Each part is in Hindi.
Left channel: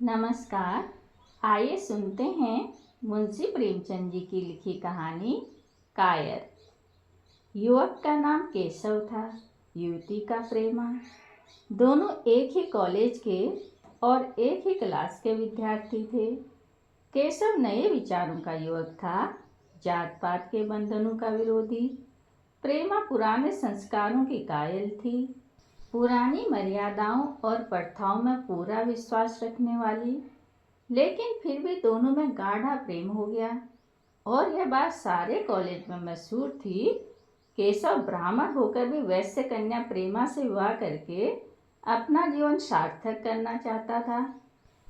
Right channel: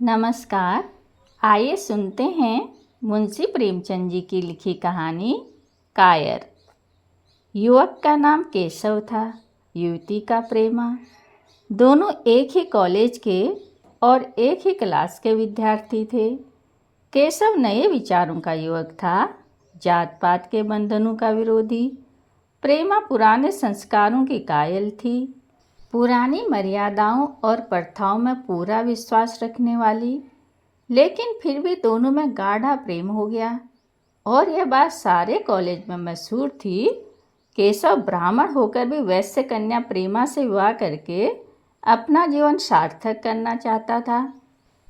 नमस्कार। आइए सुनते हैं मुंशी प्रेमचंद जी की लिखी कहानी कायर। युवक का नाम केशव था, युवती का प्रेमा। दोनों एक ही कॉलेज के और एक ही क्लास के विद्यार्थी थे। केशव नए विचारों का युवक था, जात पात के बंधनों का विरोधी। प्रेमा पुराने संस्कारों की कायल थी, पुरानी मर्यादाओं और प्रथाओं में पूरा विश्वास रखने वाली। लेकिन फिर भी दोनों में गाढ़ा प्रेम हो गया और यह बात सारे कॉलेज में मशहूर थी। केशव ब्राह्मण होकर भी वैश्य कन्या प्रेमा से विवाह करके अपना जीवन सार्थक करना चाहता था।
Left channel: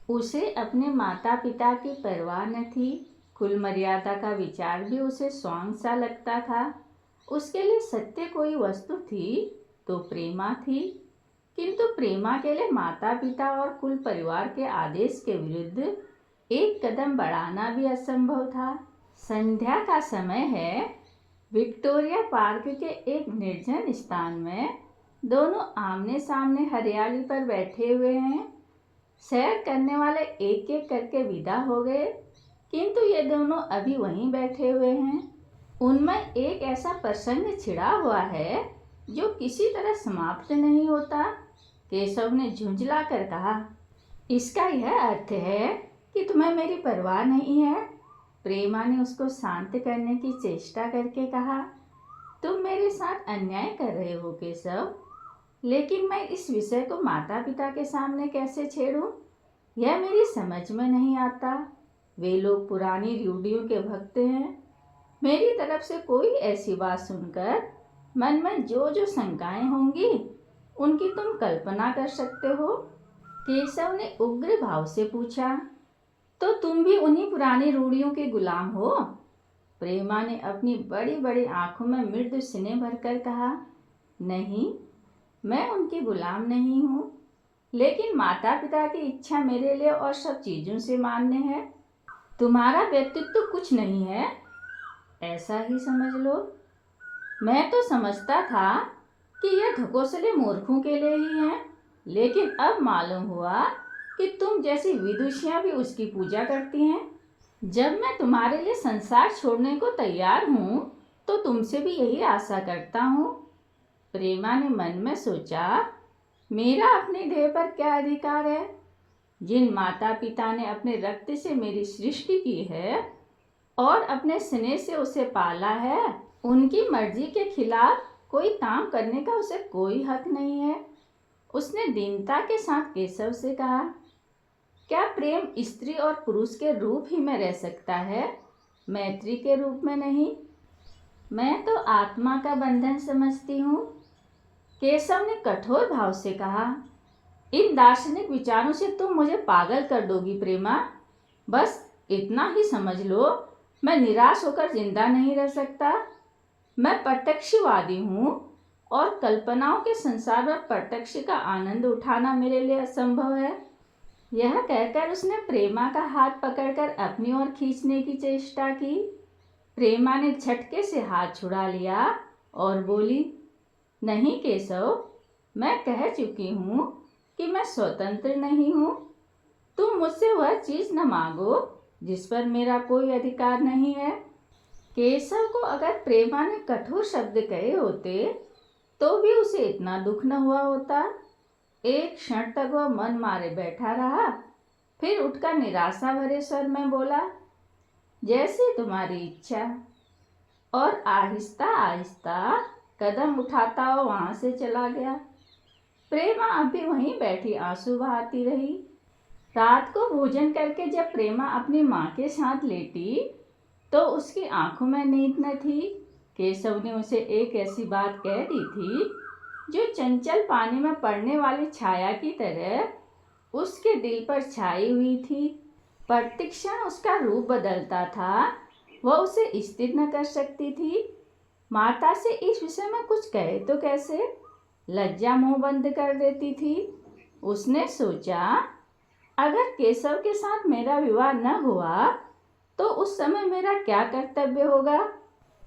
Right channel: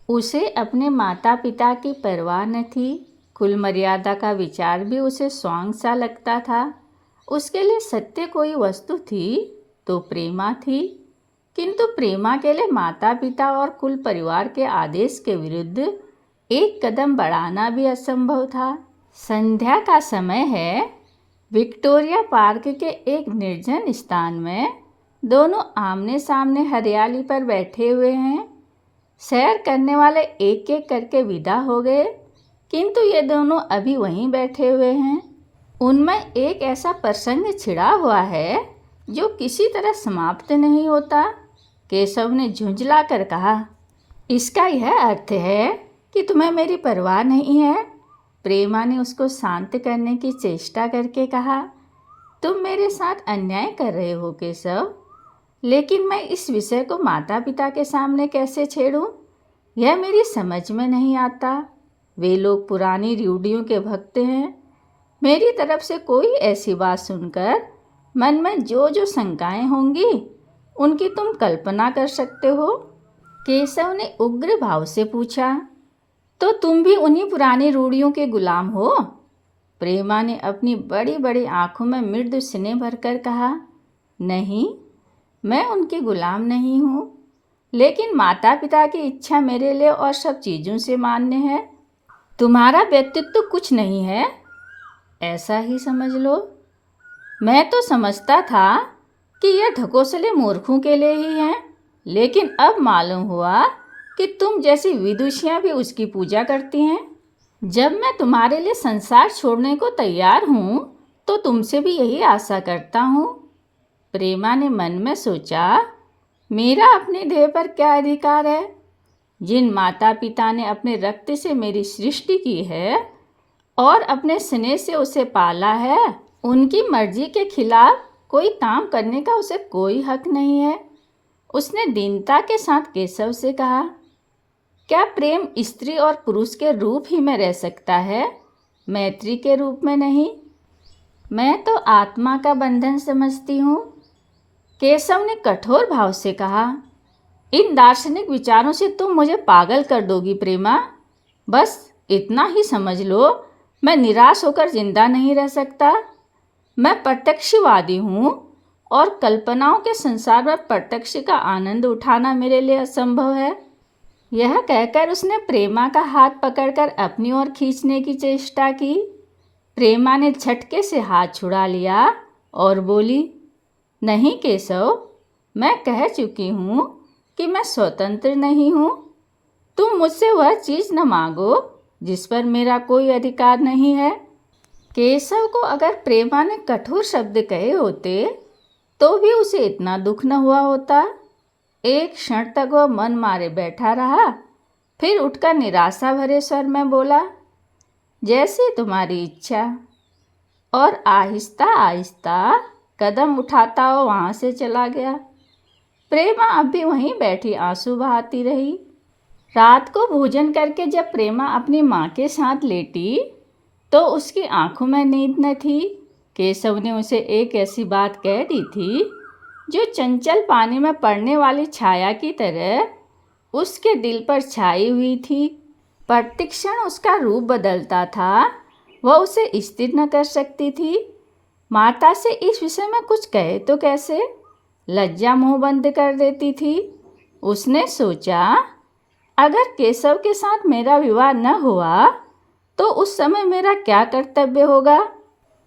उसे अपने माता पिता की परवाह न थी, कुल मर्यादा का विचार भी उसे स्वांग सा लगता था। उसके लिए सत्य कोई वस्तु थी तो प्रेमा थी, किंतु प्रेमा के लिए माता पिता और कुल परिवार के आदेश के विरुद्ध एक कदम बढ़ाना भी असंभव था। संध्या का समय है। विक्टोरिया पार्क के एक निर्जन स्थान में दोनों आमने सामने हरियाली पर बैठे हुए हैं। सैर करने वाले एक एक करके विदा हो गए, किंतु ये दोनों अभी वहीं बैठे हुए हैं। उनमें एक ऐसा प्रसंग छिड़ा हुआ है जो किसी तरह समाप्त नहीं होता। केशव ने झुंझला कर कहा, इसका यह अर्थ है कि तुम्हें मेरी परवाह नहीं है। प्रेमा ने उसको शांत करने की चेष्टा करके कहा, तुम मेरे साथ अन्याय कर रहे हो केशव, लेकिन मैं इस विषय को माता पिता के सामने कैसे छेड़ूं, यह मेरी समझ में नहीं आता। वे लोग पुरानी रूढ़ियों के भक्त हैं। मेरी तरफ से कोई ऐसी बात सुनकर मन में जो जो शंकाएं होंगी उनकी तुम कल्पना कर सकते हो। केशव ने उग्र भाव से पूछा, तो तुम भी उन्हीं पुरानी रूढ़ियों के गुलाम हो? प्रेमा ने अपनी बड़ी बड़ी आंखों में मृदु स्नेह भरकर कहा, नहीं, मैं उनके गुलाम नहीं हूँ, लेकिन माता पिता की इच्छा मेरे लिए और सब चीज़ों से मान्य है। तुम्हारा व्यक्तित्व कुछ नहीं है, ऐसा ही समझ लो। मैं तो समझता था कि यह ढकोसले मूर्खों के लिए ही हैं, लेकिन अब मालूम हुआ कि तुम जैसी विदुषियाँ भी उसकी पूजा करती हैं। जब मैं तुम्हारे लिए संसार छोड़ने को तैयार हूँ तो तुमसे भी यही आशा करता हूँ। प्रेमा ने मन में सोचा, मेरा अपने देह पर क्या अधिकार है? जिन माता पिता ने अपने रक्त से मेरी सृष्टि की है और अपने स्नेह से उसे पाला है, उनकी मर्जी के खिलाफ कोई काम करने का उसे कोई हक नहीं है। उसने दीनता के साथ केशव से कहा, क्या प्रेम स्त्री और पुरुष के रूप ही में रह सकता है, मैत्री के रूप में नहीं? मैं तो आत्मा का बंधन समझती हूँ। केशव ने कठोर भाव से कहा, इन दार्शनिक विचारों से तुम मुझे पागल कर दोगी प्रेमा। बस इतना ही समझ लो, मैं निराश होकर जिंदा नहीं रह सकता। मैं प्रत्यक्षवादी हूँ और कल्पनाओं के संसार में प्रत्यक्ष का आनंद उठाना मेरे लिए असंभव है। यह कहकर उसने प्रेमा का हाथ पकड़कर अपनी ओर खींचने की चेष्टा की। प्रेमा ने झटके से हाथ छुड़ा लिया और बोली, नहीं केशव, मैं कह चुकी हूँ कि मैं स्वतंत्र नहीं हूँ। तुम मुझसे वह चीज़ न मांगो जिस पर मेरा कोई अधिकार नहीं है। केशव को अगर प्रेमा ने कठोर शब्द कहे होते तो भी उसे इतना दुख न हुआ होता। एक क्षण तक वह मन मारे बैठा रहा, फिर उठकर निराशा भरे स्वर में बोला, जैसे तुम्हारी इच्छा, और आहिस्ता आहिस्ता कदम उठाता हुआ वहाँ से चला गया। प्रेमा अब भी वहीं बैठी आंसू बहाती रही। रात को भोजन करके जब प्रेमा अपनी माँ के साथ लेटी तो उसकी आंखों में नींद न थी। केशव ने उसे एक ऐसी बात कह दी थी जो चंचल पानी में पड़ने वाली छाया की तरह उसके दिल पर छाई हुई थी। प्रतिक्षण उसका रूप बदलता था, वह उसे स्थिर न कर सकती थी। माता से इस विषय में कुछ कहे तो कैसे, लज्जा मुंह बंद कर देती थी। उसने सोचा, अगर केशव के साथ मेरा विवाह न हुआ तो उस समय मेरा क्या कर्तव्य होगा?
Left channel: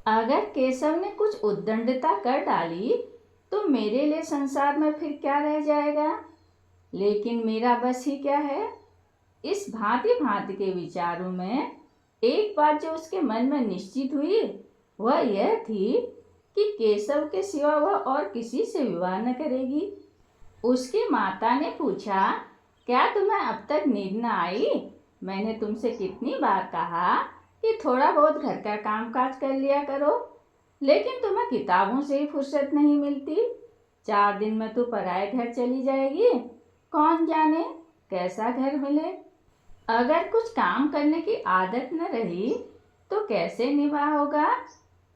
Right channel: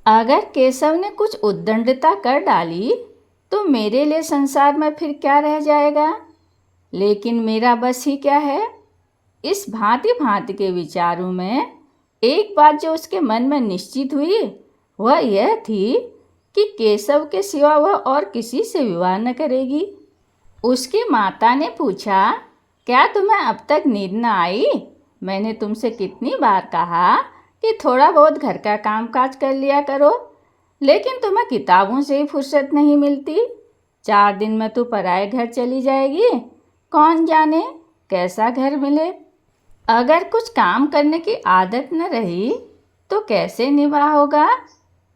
अगर केशव ने कुछ उद्दंडता कर डाली तो मेरे लिए संसार में फिर क्या रह जाएगा? लेकिन मेरा बस ही क्या है? इस भांति भांति के विचारों में एक बात जो उसके मन में निश्चित हुई वह यह थी कि केशव के सिवा वह और किसी से विवाह न करेगी। उसकी माता ने पूछा, क्या तुम्हें अब तक नींद न आई? मैंने तुमसे कितनी बार कहा कि थोड़ा बहुत घर का कामकाज कर लिया करो, लेकिन तुम्हें किताबों से ही फुर्सत नहीं मिलती। 4 दिन में तू पराए घर चली जाएगी, कौन जाने कैसा घर मिले। अगर कुछ काम करने की आदत न रही तो कैसे निभा होगा?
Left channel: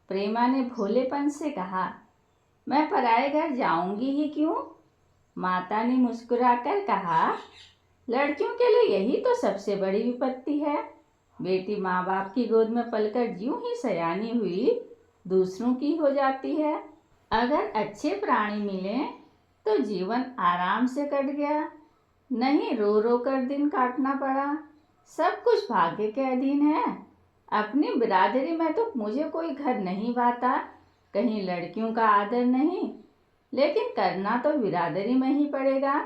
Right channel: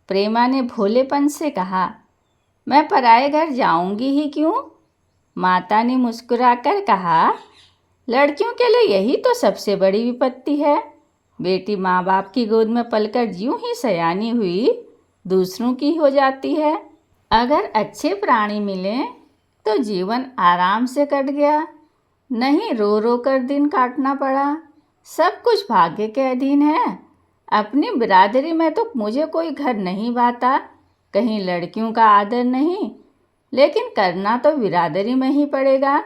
प्रेमा ने भोलेपन से कहा। मैं पराए घर जाऊंगी ही क्यों? माता ने मुस्कुराकर कहा, लड़कियों के लिए यही तो सबसे बड़ी विपत्ति है। बेटी माँ बाप की गोद में पलकर यूं ही सयानी हुई दूसरों की हो जाती है। अगर अच्छे प्राणी मिले तो जीवन आराम से कट गया, नहीं रो रो कर दिन काटना पड़ा। सब कुछ भाग्य के अधीन है। अपनी बिरादरी में तो मुझे कोई घर नहीं भाता, कहीं लड़कियों का आदर नहीं, लेकिन करना तो बिरादरी में ही पड़ेगा।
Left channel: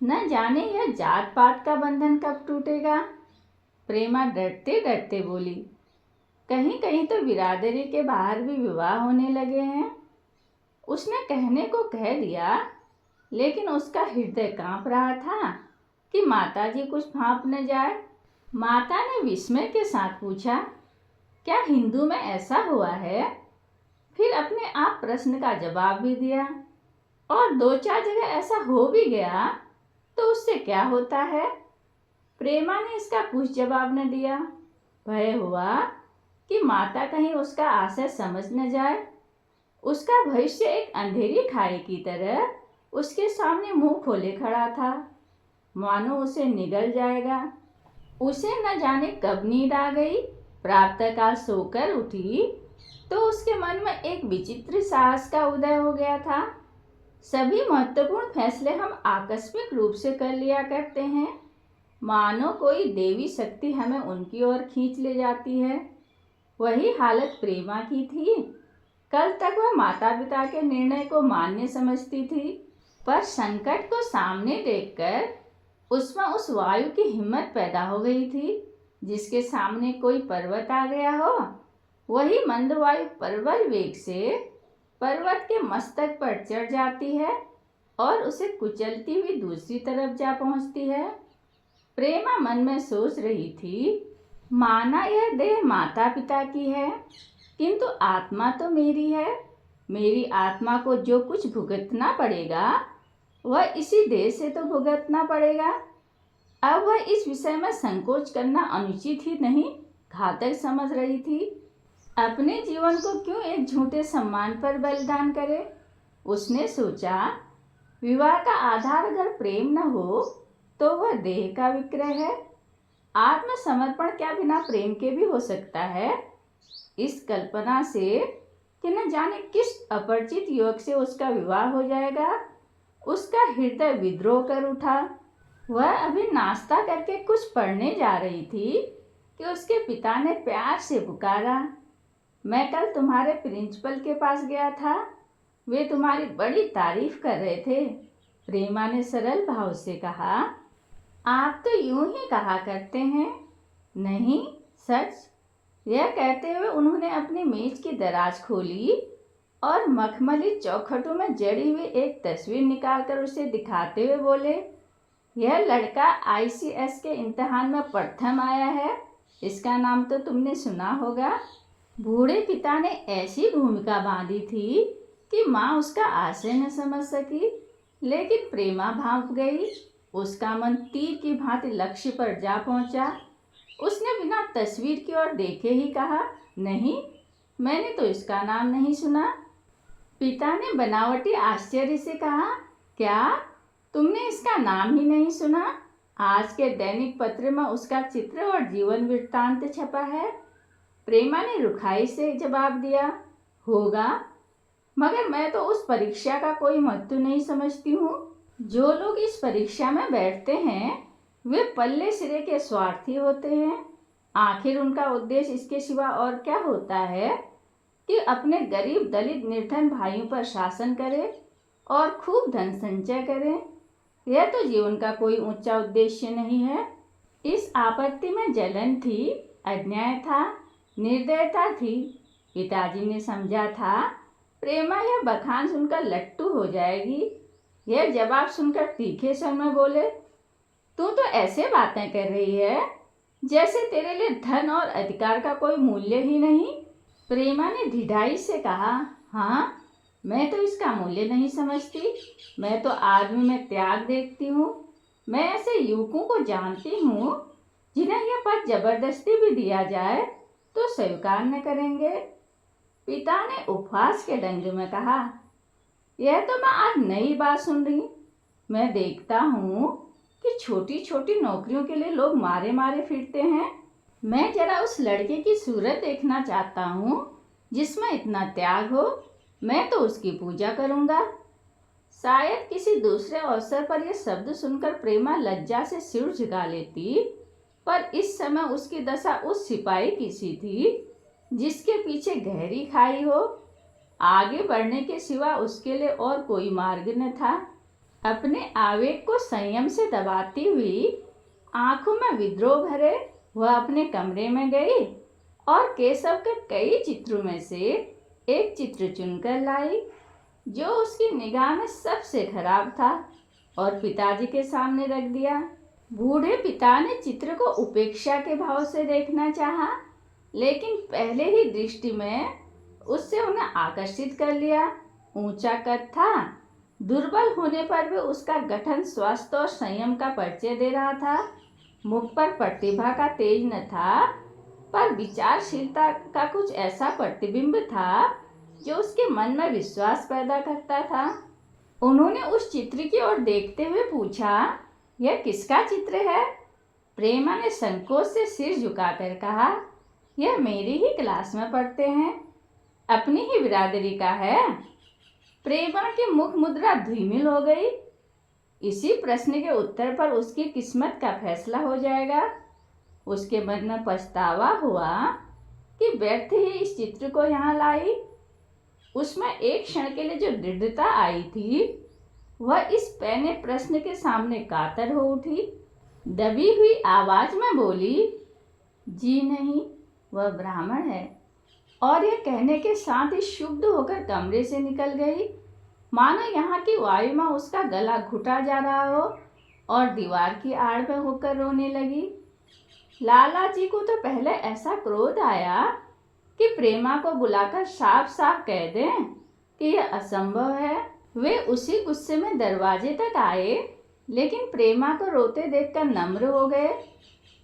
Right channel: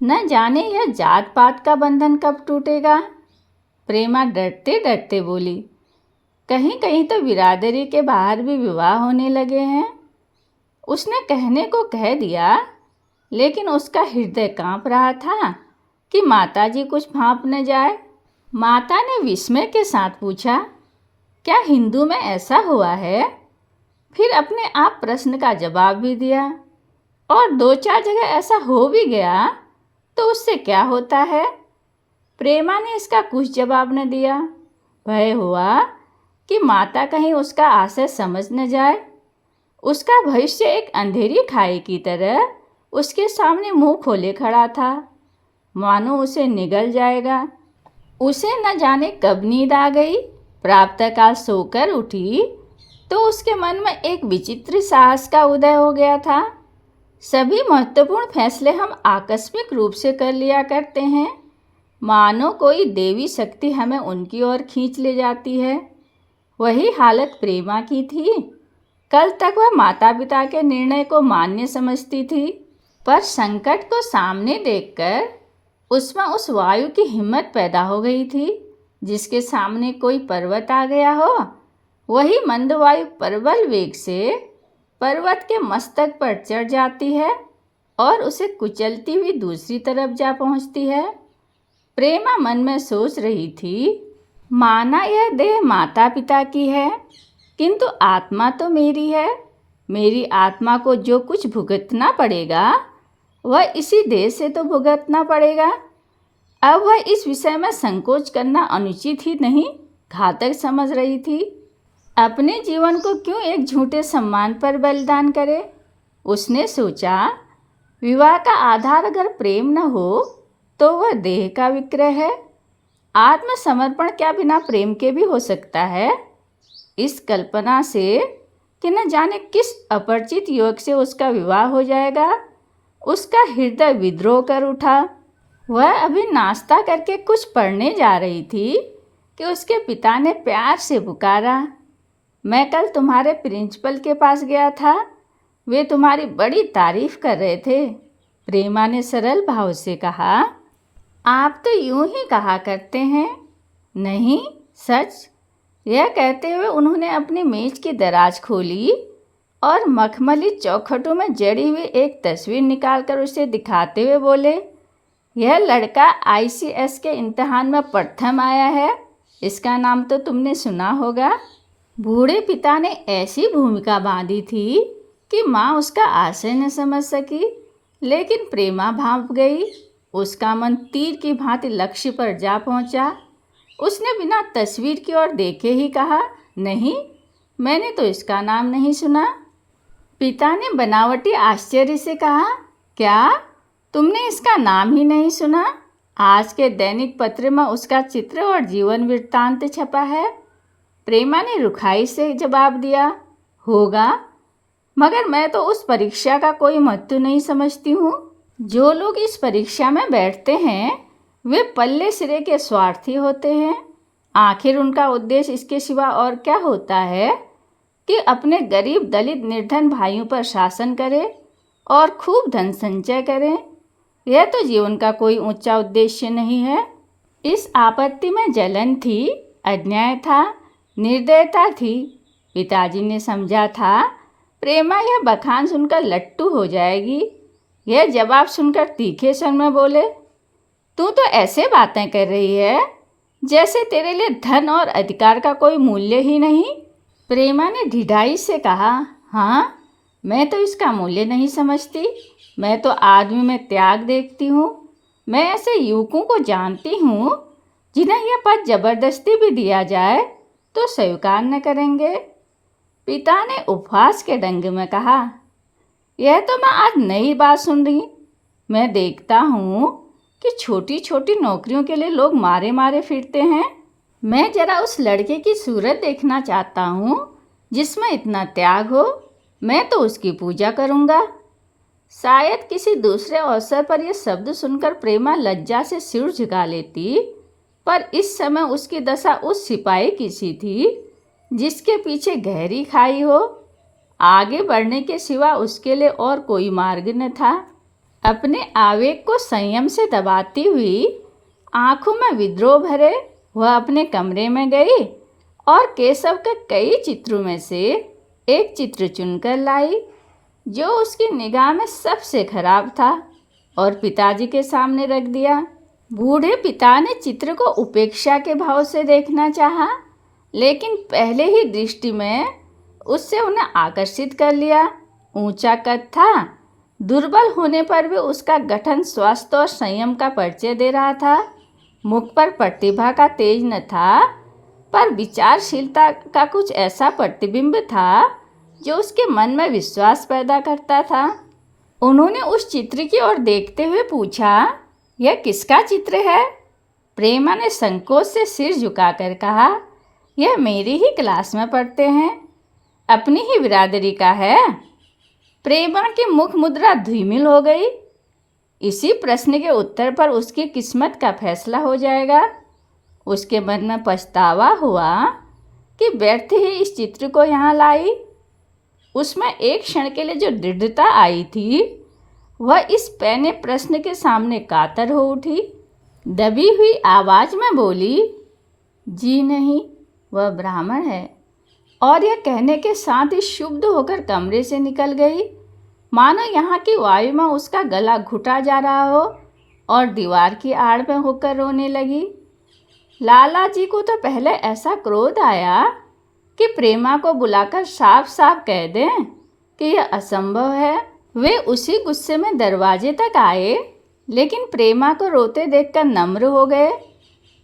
न जाने यह जात पात का बंधन कब टूटेगा। प्रेमा डरते डरते बोली, कहीं कहीं तो बिरादरी के बाहर भी विवाह होने लगे हैं। उसने कहने को कह दिया, लेकिन उसका हृदय कांप रहा था कि माताजी कुछ भांप न जाए। माता ने विस्मय के साथ पूछा, क्या हिंदू में ऐसा हुआ है? फिर अपने आप प्रश्न का जवाब भी दिया, और 2-4 जगह ऐसा हो भी गया तो उससे क्या होता है? प्रेमा ने इसका कुछ जवाब न दिया। भय हुआ कि माता कहीं उसका आशय समझ न जाए। उसका भविष्य एक अंधेरी खाई की तरह उसके सामने मुंह खोले खड़ा था, मानो उसे निगल जाएगा। उसे न जाने कब नींद आ गई। प्रातःकाल सोकर उठी तो उसके मन में एक विचित्र साहस का उदय हो गया था। सभी महत्वपूर्ण फैसले हम आकस्मिक रूप से कर लिया करते हैं, मानो कोई देवी शक्ति हमें उनकी ओर खींच ले जाती है। वही हालत प्रेमा की थी। कल तक वह माता पिता के निर्णय को मान्य समझती थी, पर संकट को सामने देखकर उसमें उस वायु की हिम्मत पैदा हो गई थी जिसके सामने कोई पर्वत आ गया हो। वही मंद वायु प्रबल वेग से पर्वत के मस्तक पर चढ़ जाती है और उसे कुचलती हुई दूसरी तरफ जा पहुंचती है। प्रेमा मन में सोच रही थी, माना यह देह माता पिता की है, किंतु आत्मा तो मेरी है। मेरी आत्मा को जो कुछ भुगतना पड़ेगा वह इसी देह से तो भुगतना पड़ेगा। अब वह इस विषय में संकोच करना अनुचित ही नहीं, घातक समझ रही थी। अपने जीवन को क्यों एक झूठे सम्मान पर बलिदान करे? उसने सोचा, विवाह का आधार अगर प्रेम न हो तो वह देह का विक्रय है। आत्मसमर्पण क्या बिना प्रेम के भी हो सकता है? इस कल्पना से कि न जाने किस अपरिचित युवक से उसका विवाह हो जाएगा, उसका हृदय विद्रोह कर उठा। वह अभी नाश्ता करके कुछ पढ़ने जा रही थी कि उसके पिता ने प्यार से पुकारा, मैं कल तुम्हारे प्रिंसिपल के पास गया था, वे तुम्हारी बड़ी तारीफ कर रहे थे। प्रेमा ने सरल भाव से कहा, आप तो यूं ही कहा करते हैं। नहीं, सच। यह कहते हुए उन्होंने अपनी मेज की दराज खोली और मखमली चौखटों में जड़ी हुई एक तस्वीर निकालकर उसे दिखाते हुए बोले, यह लड़का ICS के इम्तिहान में प्रथम आया है। इसका नाम तो तुमने सुना होगा। बूढ़े पिता ने ऐसी भूमिका बांधी थी कि माँ उसका आशय न समझ सकी, लेकिन प्रेमा भांप गई। उसका मन तीर की भांति लक्ष्य पर जा पहुंचा। उसने बिना तस्वीर की ओर देखे ही कहा, नहीं, मैंने तो इसका नाम नहीं सुना। पिता ने बनावटी आश्चर्य से कहा, क्या तुमने इसका नाम ही नहीं सुना? आज के दैनिक पत्र में उसका चित्र और जीवन वृत्तांत छपा है। प्रेमा ने रुखाई से जवाब दिया, होगा, मगर मैं तो उस परीक्षा का कोई महत्व नहीं समझती हूँ। जो लोग इस परीक्षा में बैठते हैं वे पल्ले सिरे के स्वार्थी होते हैं। आखिर उनका उद्देश्य इसके सिवा और क्या होता है कि अपने गरीब दलित निर्धन भाइयों पर शासन करें और खूब धन संचय करें। यह तो जीवन का कोई ऊंचा उद्देश्य नहीं है। इस आपत्ति में जलन थी, अन्याय था, निर्दयता थी। पिताजी ने समझा था प्रेमा यह बखान सुनकर लट्टू हो जाएगी। यह जवाब सुनकर तीखे स्वर में बोले, तू तो ऐसे बातें कर रही है जैसे तेरे लिए धन और अधिकार का कोई मूल्य ही नहीं। प्रेमा ने ढिठाई से कहा, हाँ, मैं तो इसका मूल्य नहीं समझती। मैं तो आदमी में त्याग देखती हूँ। मैं ऐसे युवकों को जानती हूँ जिन्हें यह पद जबरदस्ती भी दिया जाए तो स्वीकार न करेंगे। पिता ने उपहास के ढंग में कहा, यह तो मैं आज नई बात सुन रही। मैं देखता हूँ कि छोटी छोटी नौकरियों के लिए लोग मारे मारे फिरते हैं। मैं जरा उस लड़के की सूरत देखना चाहता हूँ जिसमें इतना त्याग हो। मैं तो उसकी पूजा करूँगा। शायद किसी दूसरे अवसर पर यह शब्द सुनकर प्रेमा लज्जा से सिर झुका लेती, पर इस समय उसकी दशा उस सिपाही की सी थी जिसके पीछे गहरी खाई हो। आगे बढ़ने के सिवा उसके लिए और कोई मार्ग न था। अपने आवेग को संयम से दबाती हुई, आंखों में विद्रोह भरे, वह अपने कमरे में गई और केशव के कई चित्रों में से एक चित्र चुनकर लाई जो उसकी निगाह में सबसे खराब था और पिताजी के सामने रख दिया। बूढ़े पिता ने चित्र को उपेक्षा के भाव से देखना चाहा, लेकिन पहले ही दृष्टि में उससे उन्हें आकर्षित कर लिया। ऊंचा कद था, दुर्बल होने पर भी उसका गठन स्वास्थ्य और संयम का परिचय दे रहा था। मुख पर प्रतिभा का तेज न था, पर विचारशीलता का कुछ ऐसा प्रतिबिंब था जो उसके मन में विश्वास पैदा करता था। उन्होंने उस चित्र की ओर देखते हुए पूछा, यह किसका चित्र है? प्रेमा ने संकोच से सिर झुकाकर कहा, यह मेरी ही क्लास में पढ़ते हैं, अपनी ही बिरादरी का है। प्रेमा की मुख मुद्रा धूमिल हो गई। इसी प्रश्न के उत्तर पर उसकी किस्मत का फैसला हो जाएगा। उसके मन में पछतावा हुआ कि व्यर्थ ही इस चित्र को यहाँ लाई। उसमें एक क्षण के लिए जो दृढ़ता आई थी वह इस पैने प्रश्न के सामने कातर हो उठी। दबी हुई आवाज में बोली, जी नहीं, वह ब्राह्मण है। और यह कहने के साथ ही शुद्ध होकर कमरे से निकल गई, मानो यहाँ की वायु में उसका गला घुटा जा रहा हो, और दीवार की आड़ में होकर रोने लगी। लाला जी को तो पहले ऐसा क्रोध आया कि प्रेमा को बुलाकर साफ साफ कह दें कि यह असंभव है। वे उसी गुस्से में दरवाजे तक आए, लेकिन प्रेमा को रोते देखकर नम्र हो गए।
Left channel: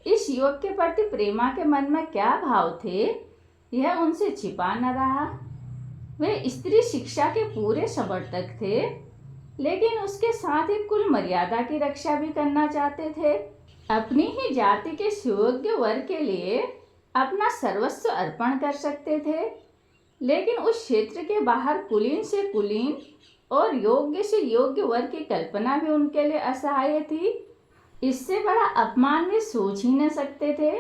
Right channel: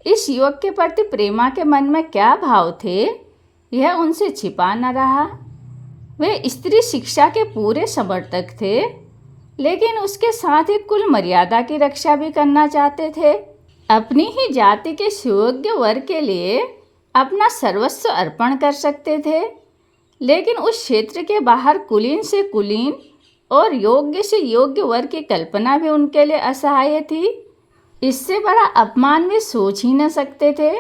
इस युवक के प्रति प्रेमा के मन में क्या भाव थे यह उनसे छिपा न रहा। वे स्त्री शिक्षा के पूरे समर्थक थे, लेकिन उसके साथ ही कुल मर्यादा की रक्षा भी करना चाहते थे। अपनी ही जाति के सुयोग्य वर के लिए अपना सर्वस्व अर्पण कर सकते थे, लेकिन उस क्षेत्र के बाहर कुलीन से कुलीन और योग्य से योग्य वर की कल्पना भी उनके लिए असहाय थी। इससे बड़ा अपमान वे सोच ही न सकते थे।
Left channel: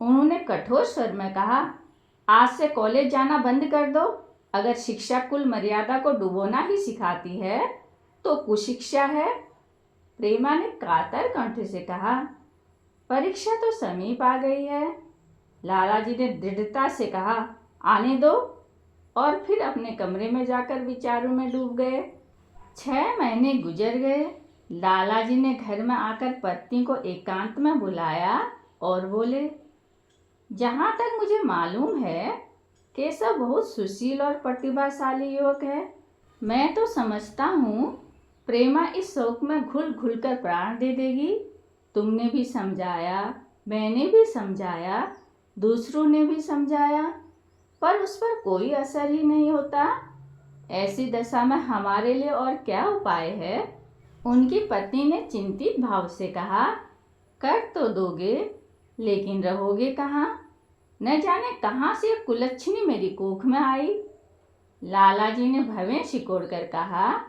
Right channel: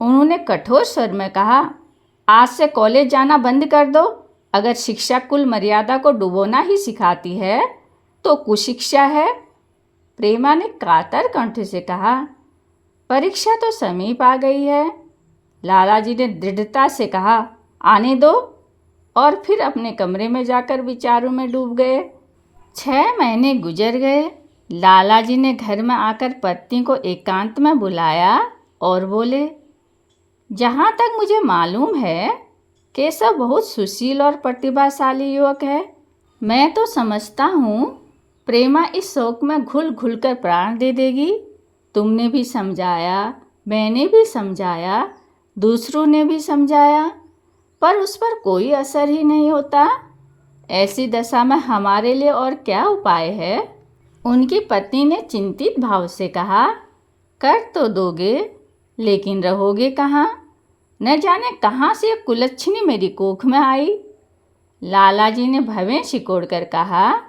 उन्होंने कठोर स्वर में कहा, आज से कॉलेज जाना बंद कर दो। अगर शिक्षा कुल मर्यादा को डुबोना ही सिखाती है तो कुशिक्षा है। प्रेमा ने कातर कंठ से कहा, परीक्षा तो समीप आ गई है। लालाजी ने दृढ़ता से कहा, आने दो, और फिर अपने कमरे में जाकर विचारों में डूब गए। 6 महीने गुजर गए। लालाजी ने घर में आकर पत्नी को एकांत में बुलाया और बोले, जहाँ तक मुझे मालूम है केशव बहुत सुशील और प्रतिभाशाली युवक है। मैं तो समझता हूँ प्रेमा इस शौक में घुल घुल कर प्राण दे देगी। तुमने भी समझाया, मैंने भी समझाया, दूसरों ने भी समझाया, पर उस पर कोई असर ही नहीं होता। ऐसी दशा में हमारे लिए और क्या उपाय है? उनकी पत्नी ने चिंतित भाव से कहा, कर तो दोगे, लेकिन रहोगे कहाँ? न जाने कहाँ से कुलच्छनी मेरी कोख में आई। लालाजी ने भवें सिकोड़ कर कहा,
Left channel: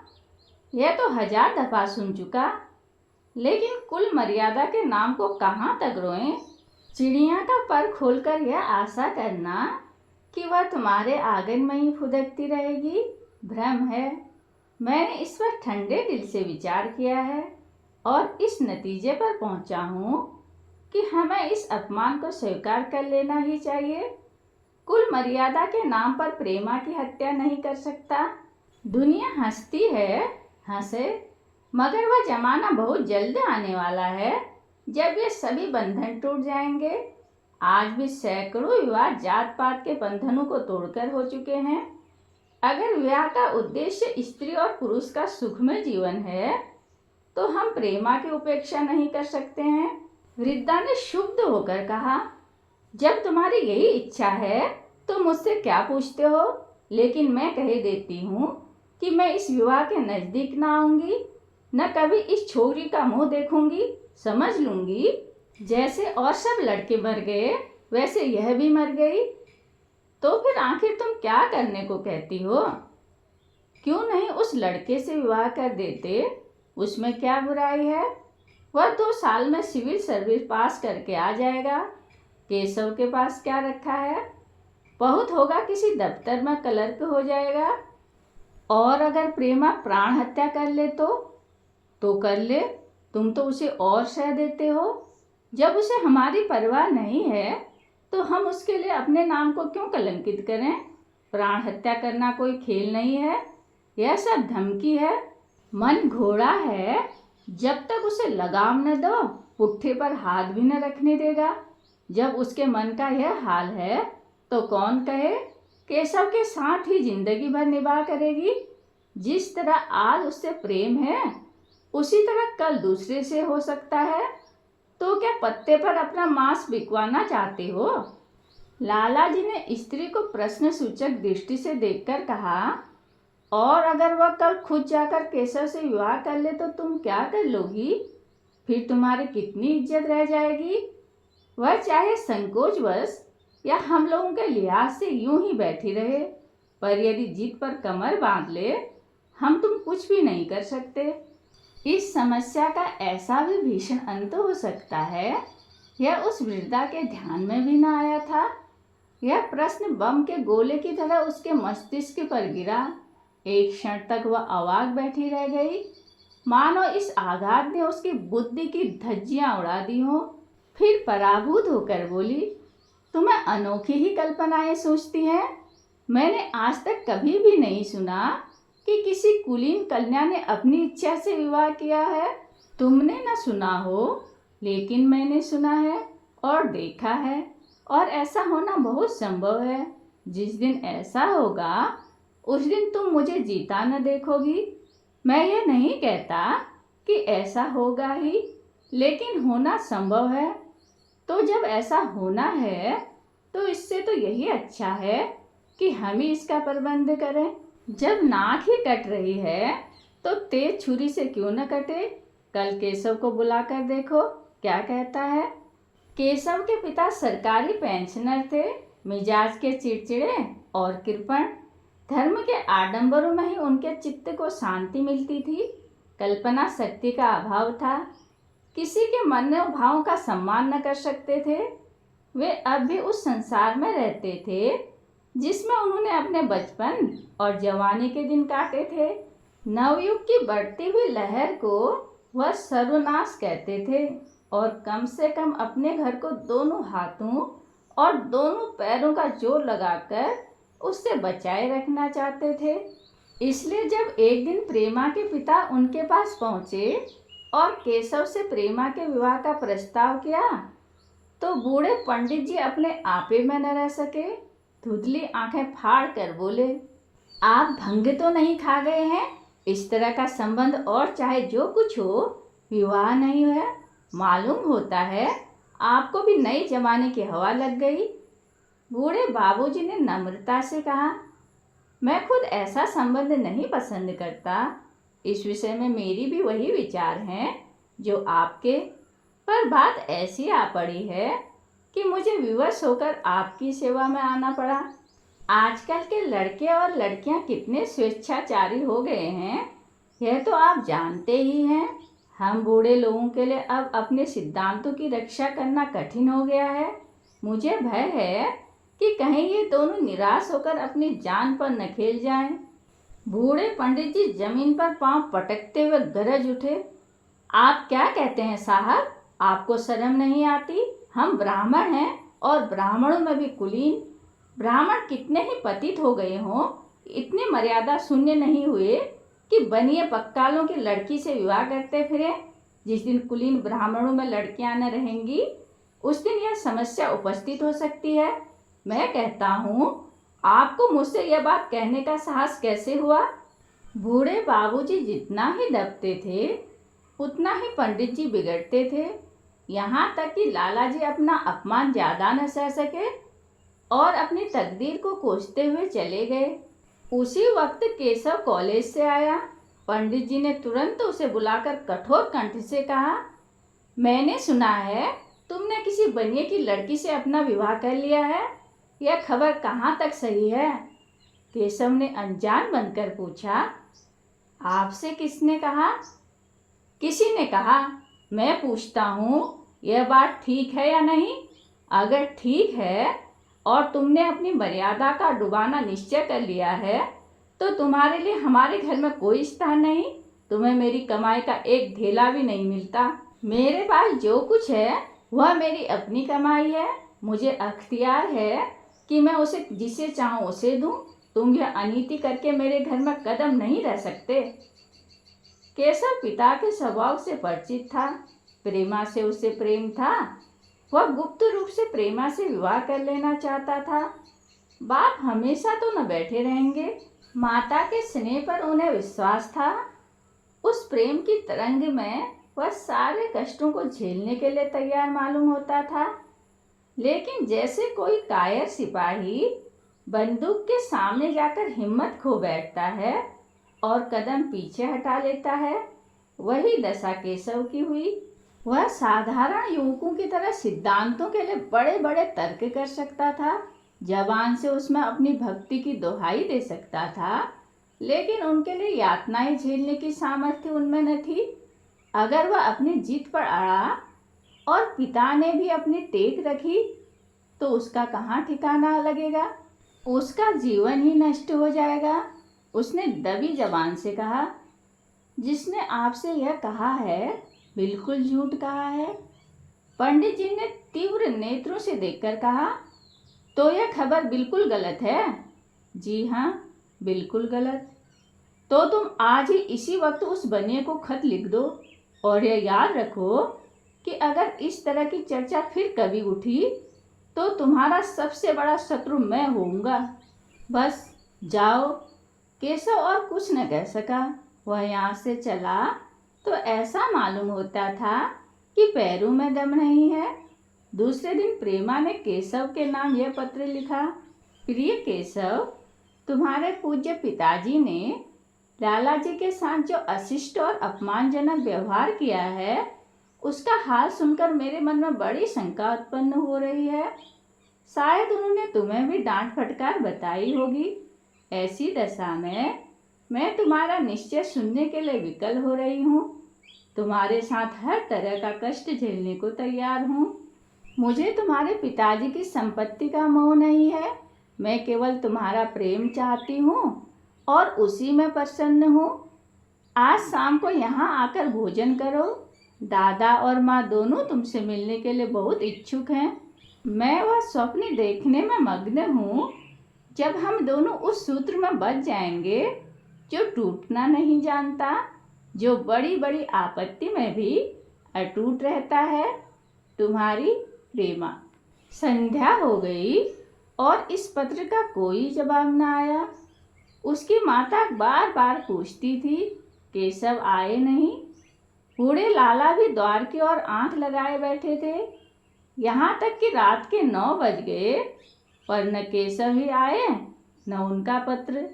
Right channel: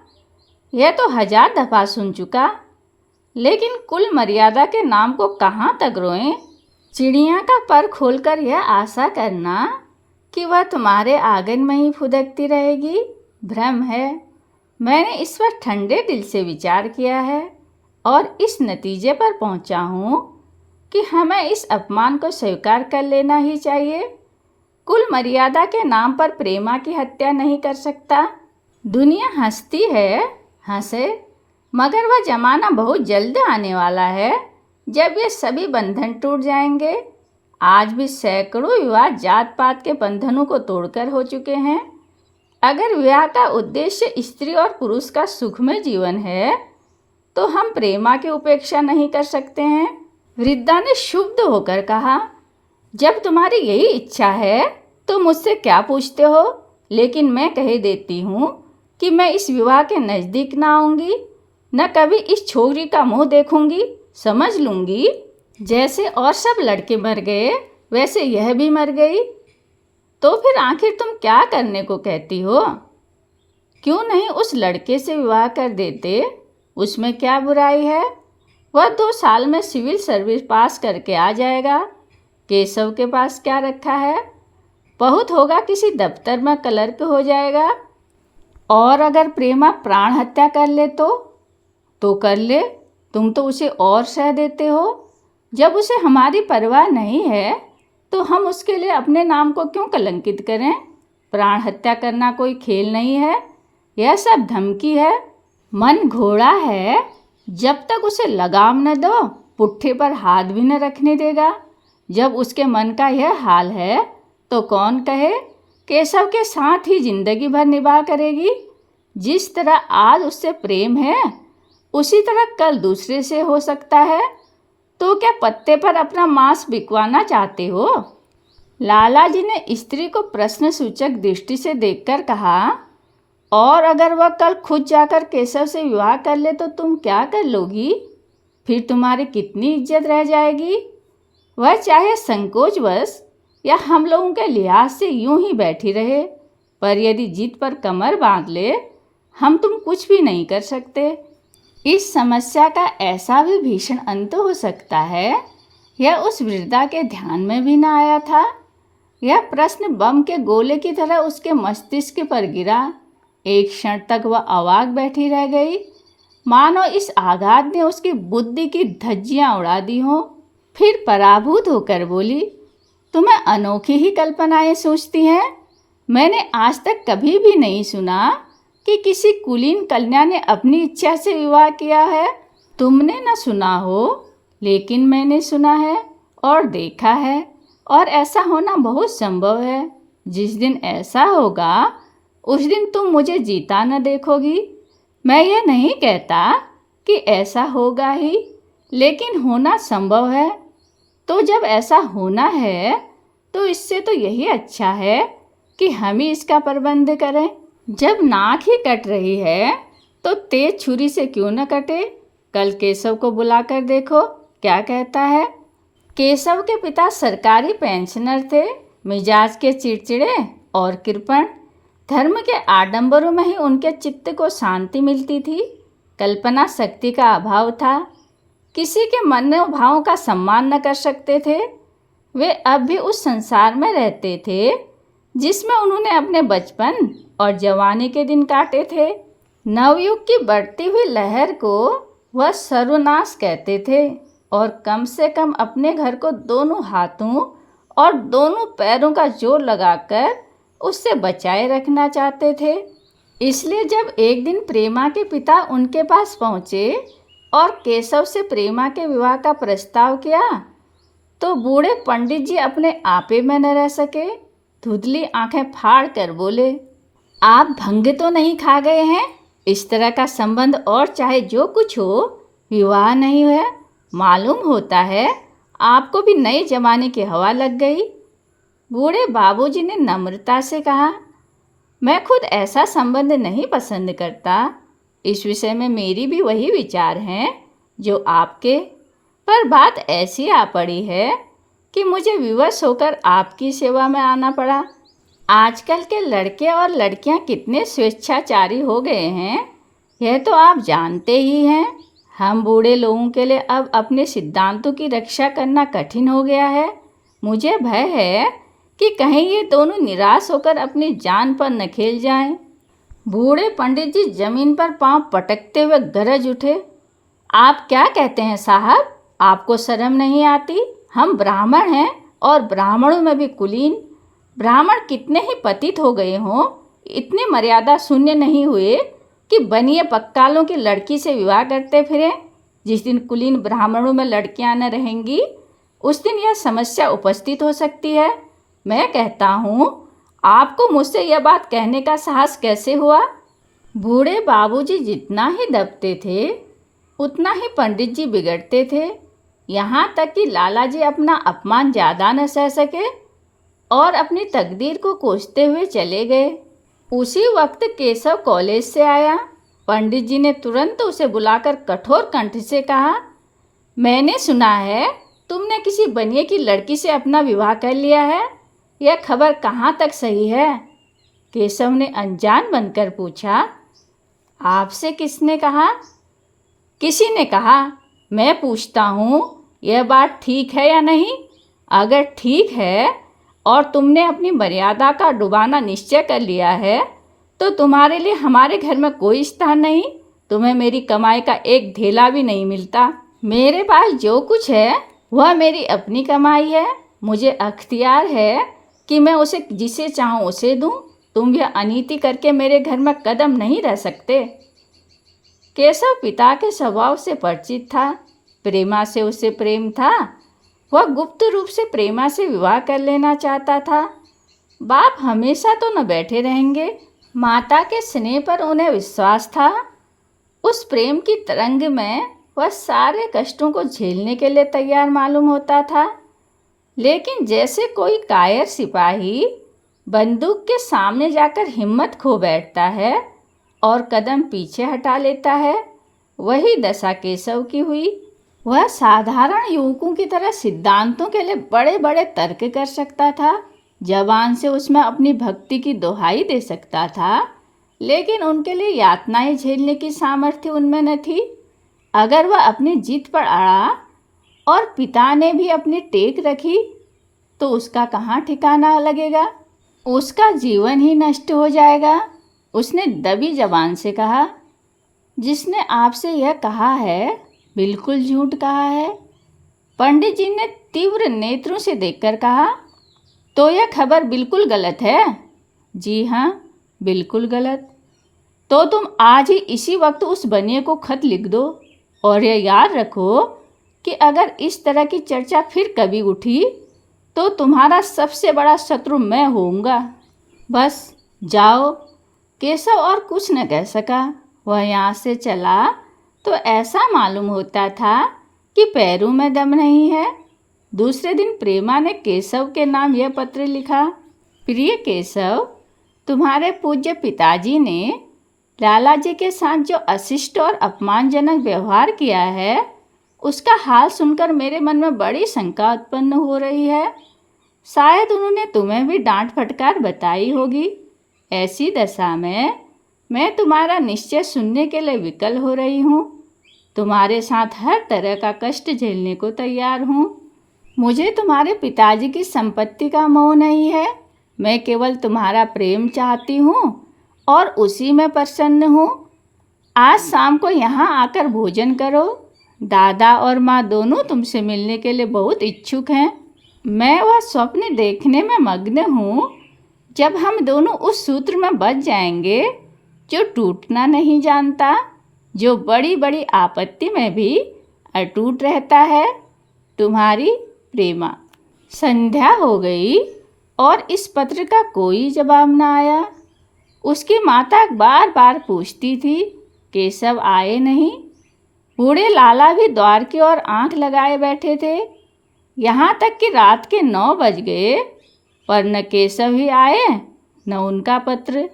यह तो 1000 दफा सुन चुका, लेकिन कुल मर्यादा के नाम को कहाँ तक रोएं? चिड़िया का पर खोलकर यह आशा करना कि वह तुम्हारे आंगन में ही फुदकती रहेगी भ्रम है। मैंने इस पर ठंडे दिल से विचार किया है और इस नतीजे पर पहुंचा हूँ कि हमें तुम्हें इस अपमान को स्वीकार कर लेना ही चाहिए। कुल मर्यादा के नाम पर प्रेमा की हत्या नहीं कर सकता। दुनिया हंसती है, हंसे, मगर वह जमाना बहुत जल्द आने वाला है जब ये सभी बंधन टूट जाएंगे। आज भी सैकड़ों विवाह जात पात के बंधनों को तोड़कर हो चुके हैं। अगर विवाह का उद्देश्य स्त्री और पुरुष का सुखमय जीवन है तो हम प्रेमा की उपेक्षा नहीं कर सकते हैं। वृद्धा ने क्षुब्ध होकर कहा, जब तुम्हारी यही इच्छा है तो मुझसे क्या पूछते हो? लेकिन मैं कह देती हूँ कि मैं इस विवाह के नज़दीक ना आऊँगी, न कभी इस छोरी का मुंह देखूंगी। समझ लूँगी जैसे और सब लड़के मर गए वैसे यह भी मर गई। तो फिर आखिर तुम क्या करने को कहती हो? क्यों नहीं उस लड़के से विवाह कर देते? उसमें क्या बुराई है? वह 2 साल में सिविल सर्विस पास करके आ जाएगा। केशव के पास क्या रखा है? बहुत होगा किसी दफ्तर में क्लर्क हो जाएगा। और अगर प्रेमा प्राण हत्या कर ले तो कर ले, तुम तो उसे और सह देते हो। जब उसे हमारी परवाह नहीं है तो हम उसके लिए अपने नाम को क्यों कलंकित करें? प्राण हत्या करना कोई खेल नहीं है, यह सब धमकी है। मन घोड़ा है, जब तक उसे लगाम न दो पुट्ठे पर हाथ भी न रखने देगा। जब उसके मन का यह हाल है तो कौन कहे केशव के साथ ही जिंदगी भर निभा करेगी। जिस तरह आज उससे प्रेम है उसी तरह कल दूसरे से हो सकता है। तो क्या पत्ते पर अपना मांस बिकवाना चाहते हो? लाला जी ने स्त्री को प्रश्न सूचक दृष्टि से देखकर कहा, और अगर वह कल खुद जाकर केशव से विवाह कर ले तो तुम क्या कर लोगी? फिर तुम्हारी कितनी इज्जत रह जाएगी? वह चाहे संकोचवश या हम लोगों के लिहाज से यूं ही बैठी रहे, पर यदि जिद पर कमर बांध ले हम तुम कुछ भी नहीं कर सकते। इस समस्या का ऐसा भी भीषण अंत हो सकता है, यह उस वृद्धा के ध्यान में भी न आया था। यह प्रश्न बम के गोले की तरह उसके मस्तिष्क पर गिरा। एक क्षण तक वह अवाक बैठी रह गई, मानो इस आघात ने उसकी बुद्धि की धज्जियां उड़ा दी हों। फिर पराभूत होकर बोली, तुम्हें अनोखी ही कल्पनाएं सोचती हैं। मैंने आज तक कभी भी नहीं सुना कि किसी कुलीन कन्या ने अपनी इच्छा से विवाह किया है। तुमने न सुना हो, लेकिन मैंने सुना है और देखा है, और ऐसा होना बहुत संभव है। जिस दिन ऐसा होगा उस दिन तुम मुझे जीता न देखोगी। मैं ये नहीं कहता कि ऐसा होगा ही, लेकिन होना संभव है। तो जब ऐसा होना है तो इससे तो यही अच्छा है कि हम ही इसका प्रबंध करें। जब नाक ही कट रही है तो तेज छुरी से क्यों न कटे? कल केशव को बुलाकर देखो क्या कहता है। केशव के पिता सरकारी पेंशनर थे, मिजाज के चिड़चिड़े और कृपण। धर्म के आडंबरों में ही उनके चित्त को शांति मिलती थी। कल्पना शक्ति का अभाव था, किसी के मनोभावों का सम्मान न कर सकते थे। वे अब भी उस संसार में रहते थे जिसमें उन्होंने अपने बचपन और जवानी के दिन काटे थे। नवयुग की बढ़ती हुई लहर को वह सर्वनाश कहते थे और कम से कम अपने घर को दोनों हाथों और दोनों पैरों का जोर लगाकर उससे बचाए रखना चाहते थे। इसलिए जब एक दिन प्रेमा के पिता उनके पास पहुँचे और केशव से प्रेमा के विवाह का प्रस्ताव किया तो बूढ़े पंडित जी अपने आपे में न रह सके। धुंधली आंखें फाड़ कर बोले, आप भंग तो नहीं खा गए हैं? इस तरह का संबंध और चाहे जो कुछ हो, विवाह नहीं है। मालूम होता है आपको भी नए जमाने की हवा लग गई। बूढ़े बाबूजी ने नम्रता से कहा, मैं खुद ऐसा संबंध नहीं पसंद करता। इस विषय में मेरी भी वही विचार हैं जो आपके, पर बात ऐसी आ पड़ी है कि मुझे विवश होकर आपकी सेवा में आना पड़ा। आजकल के लड़के और लड़कियां कितने स्वेच्छाचारी हो गए हैं, यह तो आप जानते ही हैं। हम बूढ़े लोगों के लिए अब अपने सिद्धांतों की रक्षा करना कठिन हो गया है। मुझे भय है कि कहीं ये दोनों निराश होकर अपनी जान पर न खेल जाएं। बूढ़े पंडित जी जमीन पर पांव पटकते हुए गरज उठे, आप क्या कहते हैं साहब? आपको शर्म नहीं आती? हम ब्राह्मण हैं और ब्राह्मणों में भी कुलीन। ब्राह्मण कितने ही पतित हो गए हों, इतनी मर्यादा शून्य नहीं हुए कि बनिए पक्कालों की लड़की से विवाह करते फिरें। जिस दिन कुलीन ब्राह्मणों में लड़कियां न रहेंगी, उस दिन यह समस्या उपस्थित हो सकती है। मैं कहता हूँ, आपको मुझसे यह बात कहने का साहस कैसे हुआ? बूढ़े बाबूजी जितना ही दबते थे, उतना ही पंडित जी बिगड़ते थे। यहाँ तक कि लाला जी अपना अपमान ज़्यादा न सह सके और अपनी तकदीर को कोसते हुए चले गए। उसी वक्त केशव कॉलेज से आया। पंडित जी ने तुरंत उसे बुलाकर कठोर कंठ से कहा, मैंने सुना है तुमने किसी बनिए की लड़की से अपना विवाह कर लिया है। यह खबर कहाँ तक सही है? केशव ने अनजान बनकर पूछा। आपसे किसने कहा? किसी ने कहा। मैं पूछता हूँ, यह बात ठीक है या नहीं? अगर ठीक है और तुमने अपनी मर्यादा का डुबाना निश्चय कर लिया है, तो तुम्हारे लिए हमारे घर में कोई स्थान नहीं। तुम्हें मेरी कमाई का एक धेला भी नहीं मिलता। मेरे पास जो कुछ है वह मेरी अपनी कमाई है। मुझे अख्तियार है कि मैं उसे जिसे चाहूँ उसे दूँ। तुम यह अनीति करके मेरे घर में कदम नहीं रह सकते। केशव पिता के स्वभाव से परिचित था। प्रेमा से उसे प्रेम था। वह गुप्त रूप से प्रेमा से विवाह कर लेना चाहता था। बाप हमेशा तो न बैठे रहेंगे। माता के स्नेह पर उन्हें विश्वास था। उस प्रेम की तरंग में वह सारे कष्टों को झेलने के लिए तैयार मालूम होता था। लेकिन जैसे कोई कायर सिपाही बंदूक के सामने जाकर हिम्मत खो बैठता है और कदम पीछे हटा लेता है, वही दशा केशव की हुई। वह साधारण युवकों की तरह सिद्धांतों के लिए बड़े बड़े तर्क कर सकता था। जबान से उसमें अपनी भक्ति की दोहाई दे सकता था, लेकिन उनके लिए यातनाएं झेलने की सामर्थ्य उनमें न थी। अगर वह अपनी जिद पर अड़ा और पिता ने भी अपनी टेक रखी, तो उसका कहाँ ठिकाना लगेगा? उसका जीवन ही नष्ट हो जाएगा। उसने दबी जबान से कहा, जिसने आपसे यह कहा है बिल्कुल झूठ कहा है। पंडित जी ने तीव्र नेत्रों से देखकर कहा, तो यह खबर बिल्कुल गलत है? जी हाँ, बिल्कुल गलत। तो तुम आज ही इसी वक्त उस बनिए को खत लिख दो और यह याद रखो कि अगर इस तरह की चर्चा फिर कभी उठी तो तुम्हारा सबसे बड़ा शत्रु मैं होऊंगा। बस जाओ। केशव और कुछ न कह सका। वह यहाँ से चला तो ऐसा मालूम होता था कि पैरों में दम नहीं है। दूसरे दिन प्रेमा ने केशव के नाम यह पत्र लिखा, प्रिय केशव, तुम्हारे पूज्य पिताजी ने लाला जी के साथ जो अशिष्ट और अपमानजनक व्यवहार किया है, उसका हाल सुनकर मेरे मन में बड़ी शंका उत्पन्न हो रही है। शायद उन्होंने तुम्हें भी डांट फटकार बताई होगी। ऐसी दशा में मैं तुम्हारा निश्चय सुनने के लिए विकल हो रही हूँ। तुम्हारे साथ हर तरह का कष्ट झेलने को तैयार हूँ। मुझे तुम्हारे पिताजी की संपत्ति का मोह नहीं है। मैं केवल तुम्हारा प्रेम चाहती हूँ और उसी में प्रसन्न हूँ। आज शाम को यहाँ आकर भोजन करो। दादा और माँ दोनों तुमसे मिलने के लिए बहुत इच्छुक हैं। मैं वह स्वप्न देखने में मग्न हूँ जब हम दोनों उस सूत्र में बंध जाएंगे जो टूटना नहीं जानता, जो बड़ी बड़ी आपत्ति में भी अटूट रहता है। तुम्हारी प्रेमा। संध्या हो गई और इस पत्र का कोई जवाब न आया। उसकी माता बार बार पूछती थी, केशव आए नहीं? बूढ़े लाला भी द्वार की ओर आंख लगाए बैठे थे। यहाँ तक कि रात के 9 बज गए, पर न केशव ही आए न उनका पत्र।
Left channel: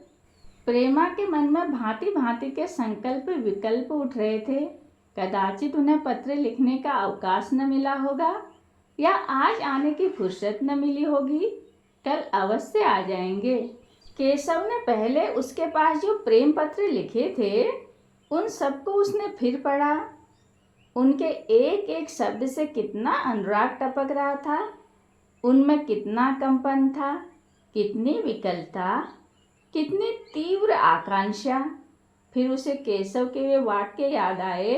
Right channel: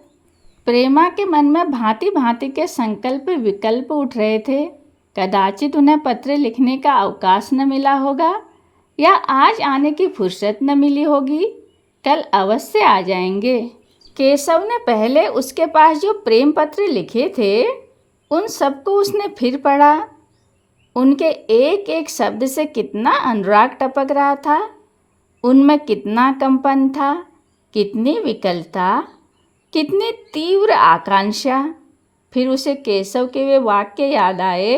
प्रेमा के मन में भांति भांति के संकल्प विकल्प उठ रहे थे। कदाचित उन्हें पत्र लिखने का अवकाश न मिला होगा, या आज आने की फुर्सत न मिली होगी। कल अवश्य आ जाएंगे। केशव ने पहले उसके पास जो प्रेम पत्र लिखे थे, उन सबको उसने फिर पढ़ा। उनके एक एक शब्द से कितना अनुराग टपक रहा था। उनमें कितना कंपन था, कितनी विकलता, कितनी तीव्र आकांक्षा। फिर उसे केशव के वे वाक्य याद आए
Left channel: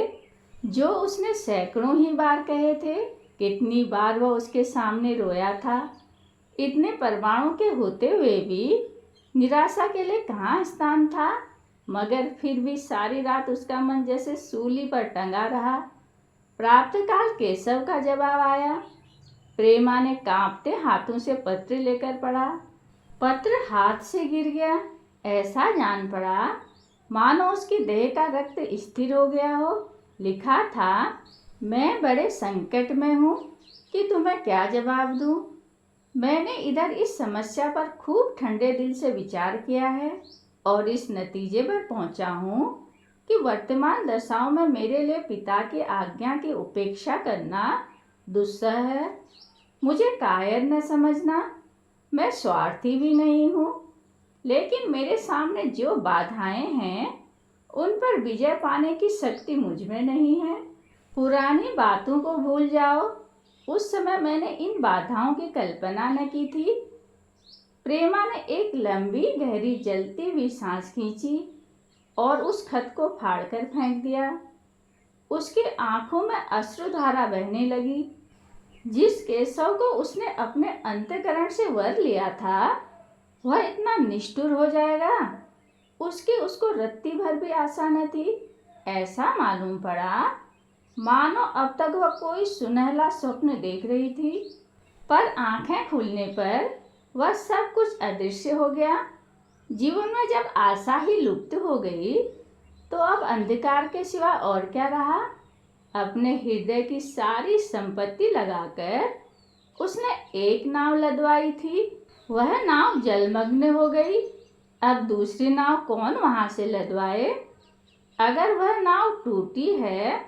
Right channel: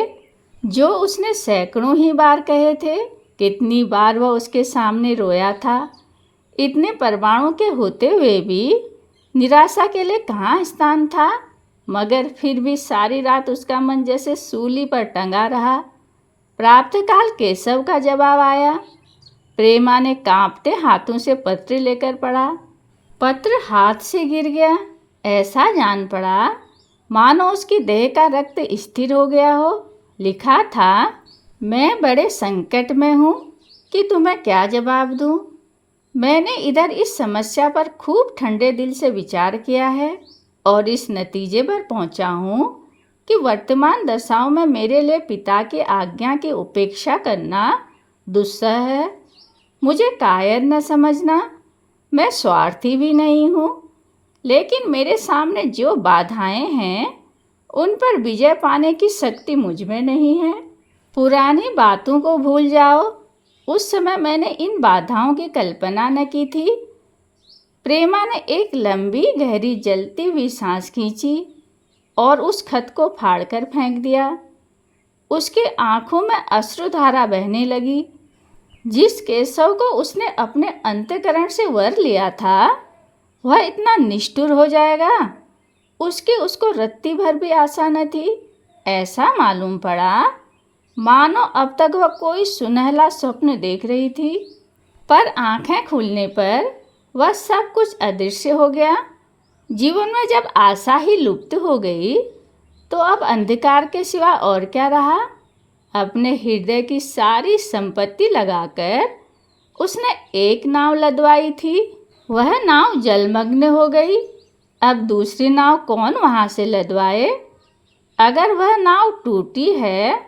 जो उसने सैकड़ों ही बार कहे थे। कितनी बार वह उसके सामने रोया था। इतने परमाणु के होते हुए भी निराशा के लिए कहाँ स्थान था, मगर फिर भी सारी रात उसका मन जैसे सूली पर टंगा रहा। प्रातःकाल केशव का जवाब आया। प्रेमा ने कांपते हाथों से पत्र लेकर पढ़ा। पत्र हाथ से गिर गया। ऐसा जान पड़ा मानो उसकी देह का रक्त स्थिर हो गया हो। लिखा था, मैं बड़े संकट में हूँ कि तुम्हें क्या जवाब दूँ। मैंने इधर इस समस्या पर खूब ठंडे दिल से विचार किया है और इस नतीजे पर पहुँचा हूँ कि वर्तमान दशाओं में मेरे लिए पिता की आज्ञा की उपेक्षा करना दुस्सह है। मुझे कायर न समझना, मैं स्वार्थी भी नहीं हूँ, लेकिन मेरे सामने जो बाधाएं हैं उन पर विजय पाने की शक्ति मुझ में नहीं है। पुरानी बातों को भूल जाओ। उस समय मैंने इन बाधाओं की कल्पना न की थी। प्रेमा ने एक लंबी गहरी जलती हुई सांस खींची और उस खत को फाड़कर फेंक दिया। उसके आंखों में अश्रुधारा बहने लगी। जिस केशव को उसने अपने अंतःकरण से वर लिया था, वह इतना निष्ठुर हो जाएगा, उसकी उसको रत्ती भर भी आशा न थी। ऐसा मालूम पड़ा मानो अब तक वह कोई सुनहला स्वप्न देख रही थी, पर आंखें खुलने पर वह सब कुछ अदृश्य हो गया। जीवन में जब आशा ही लुप्त हो गई तो अब अंधकार के सिवा और क्या रहा। अपने हृदय की सारी संपत्ति लगाकर उसने एक नाव लदवाई थी, वह नाव जलमग्न हो गई। अब दूसरी नाव कौन वहाँ से लदवाए। अगर वह नाव टूटी है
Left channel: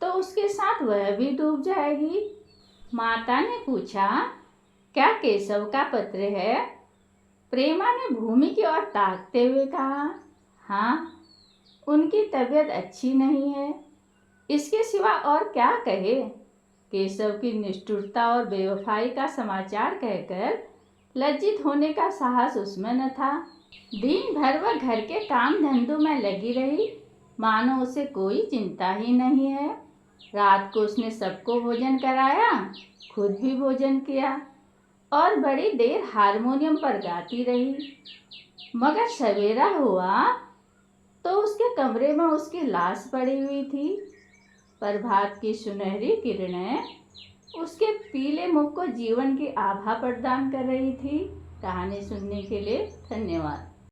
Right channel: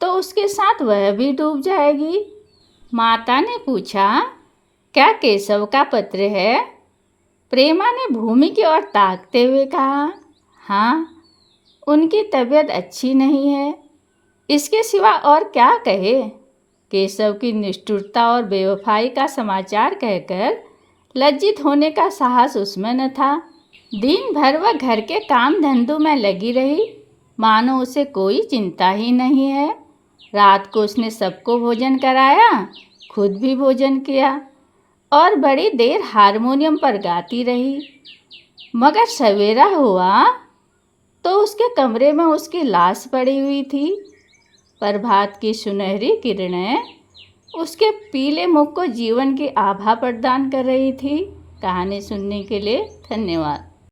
तो उसके साथ वह भी डूब जाएगी। माता ने पूछा, क्या केशव का पत्र है? प्रेमा ने भूमि की ओर ताकते हुए कहा, हाँ, उनकी तबीयत अच्छी नहीं है। इसके सिवा और क्या कहे। केशव की निष्ठुरता और बेवफाई का समाचार कहकर लज्जित होने का साहस उसमें न था। दिन भर वह घर के काम धंधों में लगी रही, मानो उसे कोई चिंता ही नहीं है। रात को उसने सबको भोजन कराया, खुद भी भोजन किया और बड़ी देर हारमोनियम पर गाती रही। मगर सवेरा हुआ तो उसके कमरे में उसकी लाश पड़ी हुई थी। प्रभात की सुनहरी किरणें उसके पीले मुख को जीवन की आभा प्रदान कर रही थी। कहानी सुनने के लिए धन्यवाद।